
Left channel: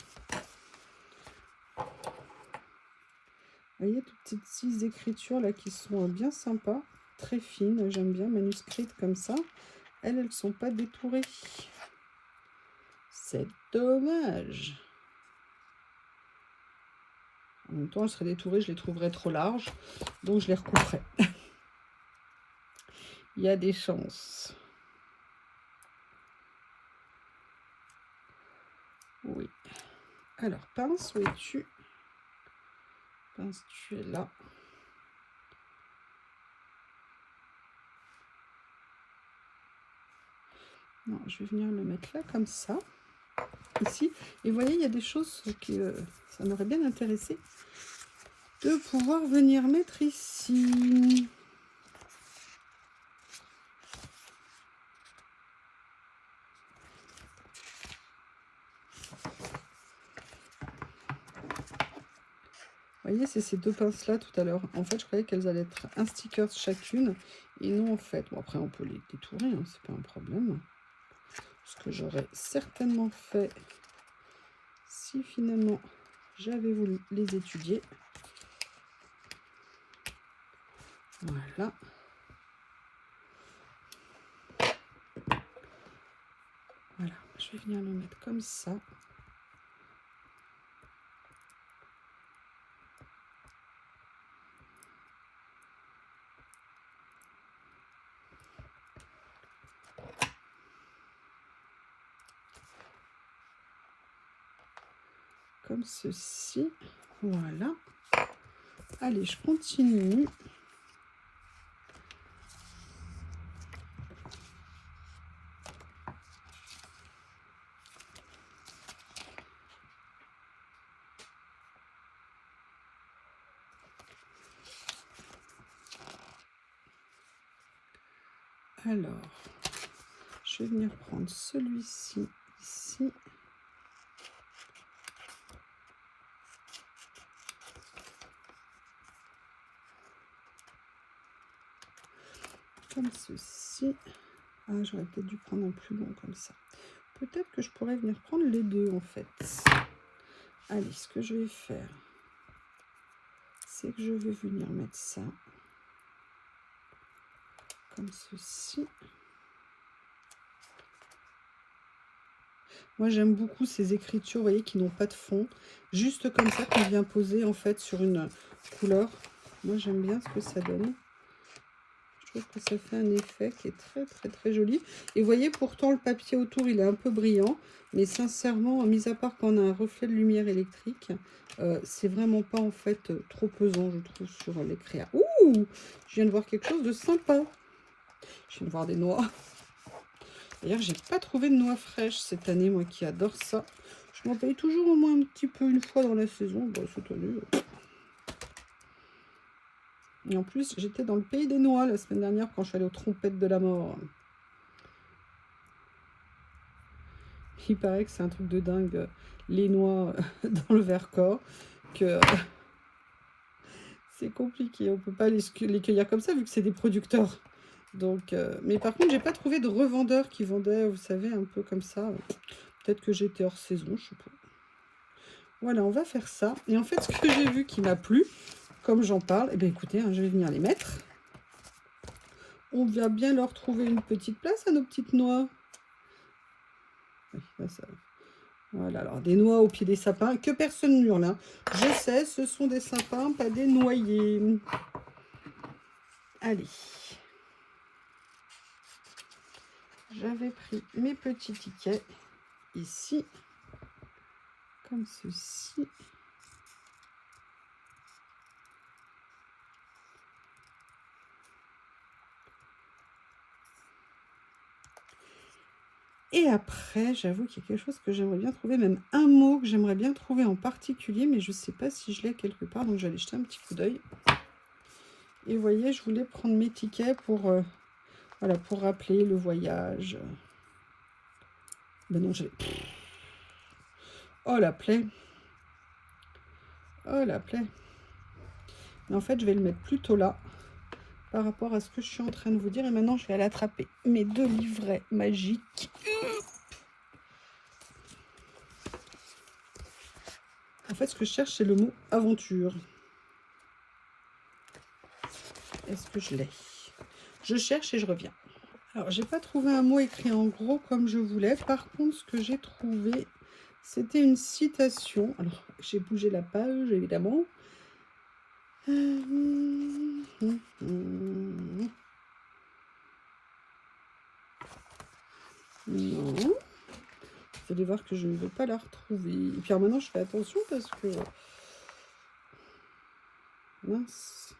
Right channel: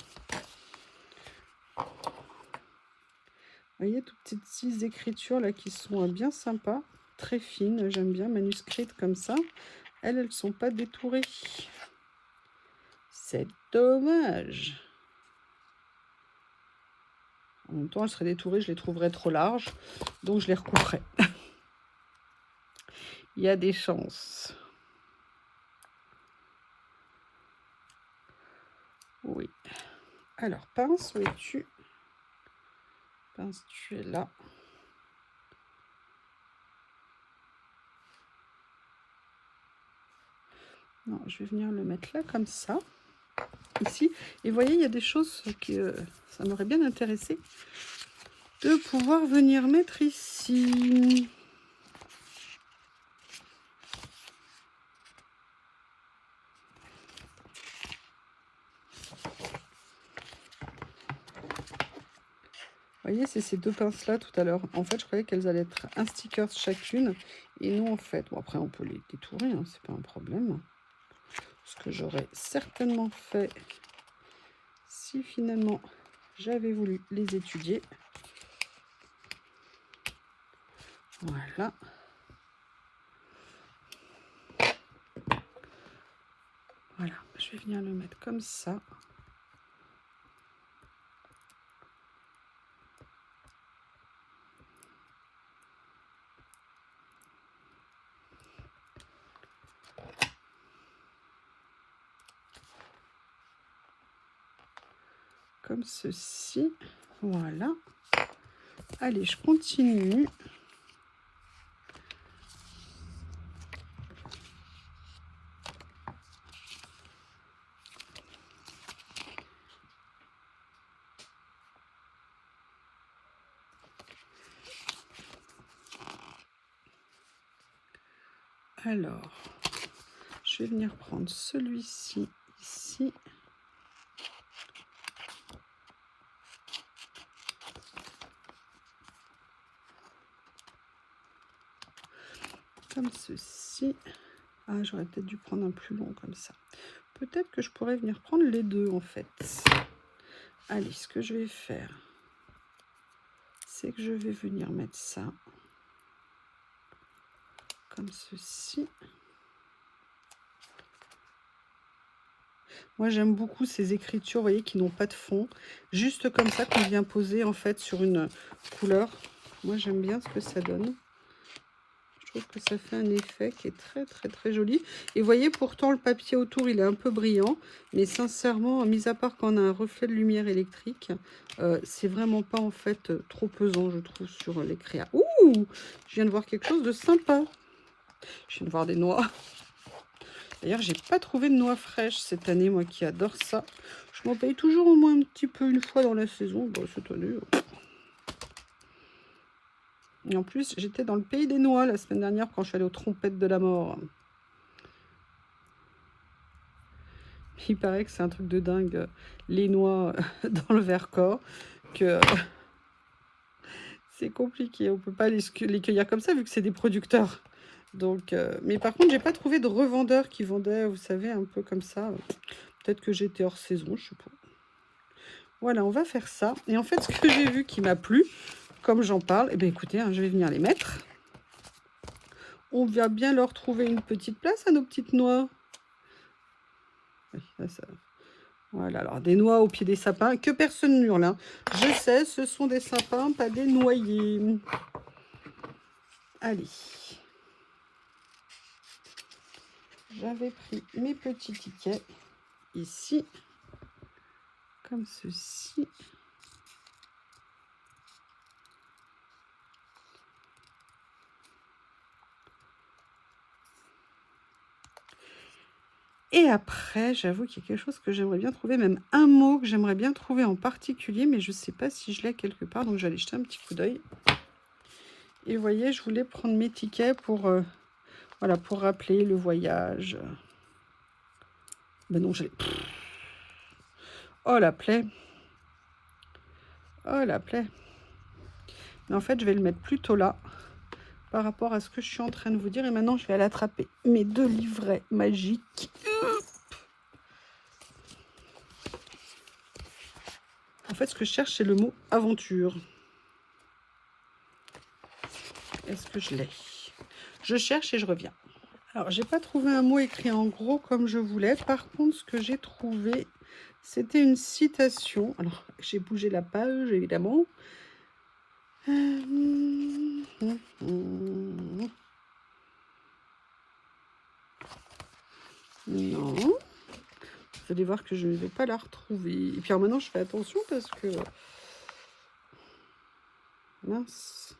Vous voyez, toutes ces petites écritures là qui sont bien sympas, très fines, j'aime bien, manuscrites comme ça. Elles ne sont pas détourées. C'est dommage. En même temps, elles seraient détourées, je les trouverais trop larges, donc je les recouperai. Il y a des chances. Oui. Alors, pince, où es-tu? Pince, tu es là. Non, je vais venir le mettre là, comme ça. Ici. Et vous voyez, il y a des choses que ça m'aurait bien intéressé de pouvoir venir mettre ici. Vous voyez, c'est ces deux pinces-là tout à l'heure. En fait, je croyais qu'elles allaient être un sticker chacune. Et non, en fait, bon, après, on peut les détourer, hein, c'est pas un problème. Ce que j'aurais certainement fait si finalement j'avais voulu les étudier. Voilà. Voilà, je vais venir le mettre comme ça. Comme ceci. Voilà. Allez, je continue. Alors, je vais venir prendre celui-ci ici. Comme ceci. Ah, j'aurais peut-être dû prendre un plus long comme ça. Peut-être que je pourrais venir prendre les deux en fait. Allez, ce que je vais faire, c'est que je vais venir mettre ça comme ceci. Moi, j'aime beaucoup ces écritures, vous voyez, qui n'ont pas de fond. Juste comme ça, qu'on vient poser, en fait, sur une couleur. Moi, j'aime bien ce que ça donne. Je trouve que ça fait un effet qui est très, très, très joli. Et vous voyez, pourtant, le papier autour, il est un peu brillant. Mais sincèrement, mis à part quand on a un reflet de lumière électrique, c'est vraiment pas, en fait, trop pesant, je trouve, sur les créas. Ouh! Je viens de voir quelque chose de sympa. Je viens de voir des noix. D'ailleurs, j'ai pas trouvé de noix fraîches cette année, moi qui adore ça. Je m'en paye toujours au moins un petit peu une fois dans la saison. Bon, cette année. Et en plus, j'étais dans le pays des noix la semaine dernière quand je suis allée aux trompettes de la mort. Il paraît que c'est un truc de dingue, les noix dans le Vercors, que c'est compliqué. On peut pas les cueillir comme ça vu que c'est des producteurs. Donc, mais par contre, j'ai pas trouvé de revendeurs qui vendaient, vous savez, un peu comme ça. Peut-être que j'étais hors saison, je sais pas. Voilà, on va faire ça. Et en fait, ce que j'ai vu qui m'a plu, comme j'en parle, eh bien écoutez, hein, je vais venir les mettre. On va bien leur trouver une petite place à nos petites noix. Voilà, alors des noix au pied des sapins, que personne n'hurle. Hein. Je sais, ce sont des sapins, pas des noyers. Allez. J'avais pris mes petits tickets ici, comme ceci. Et après, j'avoue qu'il y a quelque chose que j'aimerais bien trouver, même un mot que j'aimerais bien trouver en particulier, mais je ne sais pas si je l'ai quelque part, donc j'allais jeter un petit coup d'œil. Et vous voyez, je voulais prendre mes tickets pour, voilà, pour rappeler le voyage. Ben non, je l'ai. Oh, la plaie. Oh, la plaie. Mais en fait, je vais le mettre plutôt là, par rapport à ce que je suis en train de vous dire. Et maintenant, je vais aller attraper mes deux livrets magiques. En fait, ce que je cherche, c'est le mot aventure. Est-ce que je l'ai? Je cherche et je reviens. Alors, j'ai pas trouvé un mot écrit en gros comme je voulais. Par contre, ce que j'ai trouvé, c'était une citation. Alors, j'ai bougé la page, évidemment. Non. Vous allez voir que je ne vais pas la retrouver. Et puis alors maintenant, je fais attention parce que... Mince.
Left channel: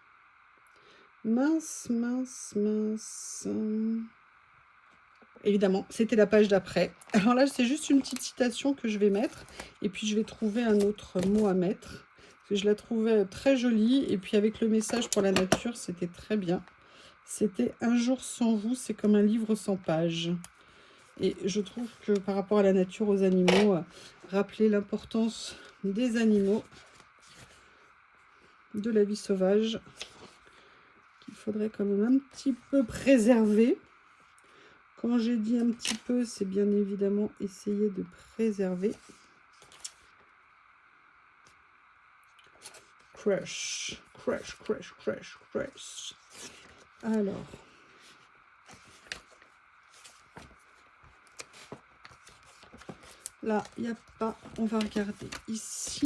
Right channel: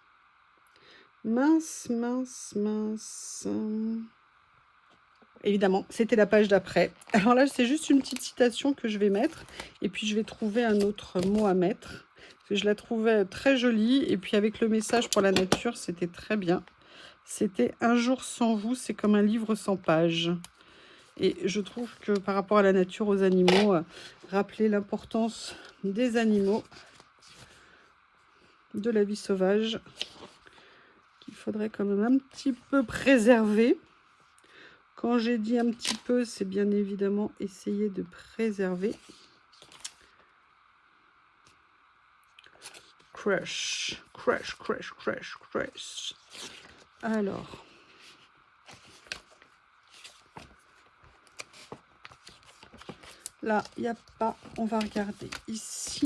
Mince, mince, mince. Évidemment, c'était la page d'après. Alors là, c'est juste une petite citation que je vais mettre. Et puis, je vais trouver un autre mot à mettre. Parce que je la trouvais très jolie. Et puis, avec le message pour la nature, c'était très bien. C'était « Un jour sans vous, c'est comme un livre sans pages ». Et je trouve que par rapport à la nature, aux animaux, rappeler l'importance des animaux, de la vie sauvage, qu'il faudrait quand même un petit peu préserver. Quand j'ai dit un petit peu, c'est bien évidemment essayer de préserver. Crush, crush, crush, crush, crush. Alors... Là, il n'y a pas. On va regarder ici.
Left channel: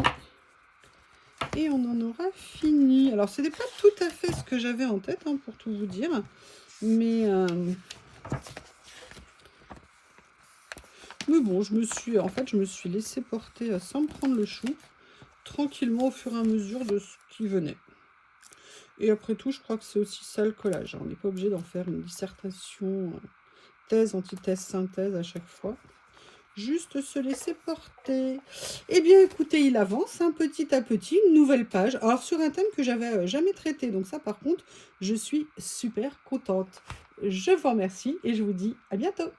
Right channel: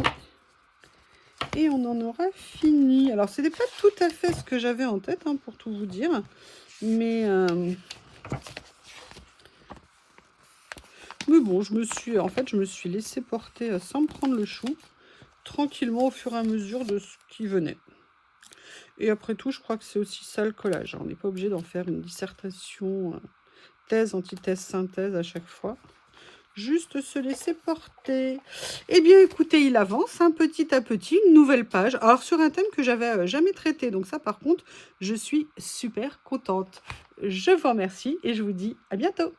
Et on en aura fini. Alors, ce n'est pas tout à fait ce que j'avais en tête, hein, pour tout vous dire. Mais bon, je me suis laissé porter sans me prendre le chou. Tranquillement, au fur et à mesure de ce qui venait. Et après tout, je crois que c'est aussi ça le collage. On n'est pas obligé d'en faire une dissertation, thèse, antithèse, synthèse à chaque fois. Juste se laisser porter. Eh bien, écoutez, il avance petit à petit, une nouvelle page. Alors, sur un thème que j'avais jamais traité. Donc ça, par contre, je suis super contente. Je vous remercie et je vous dis à bientôt.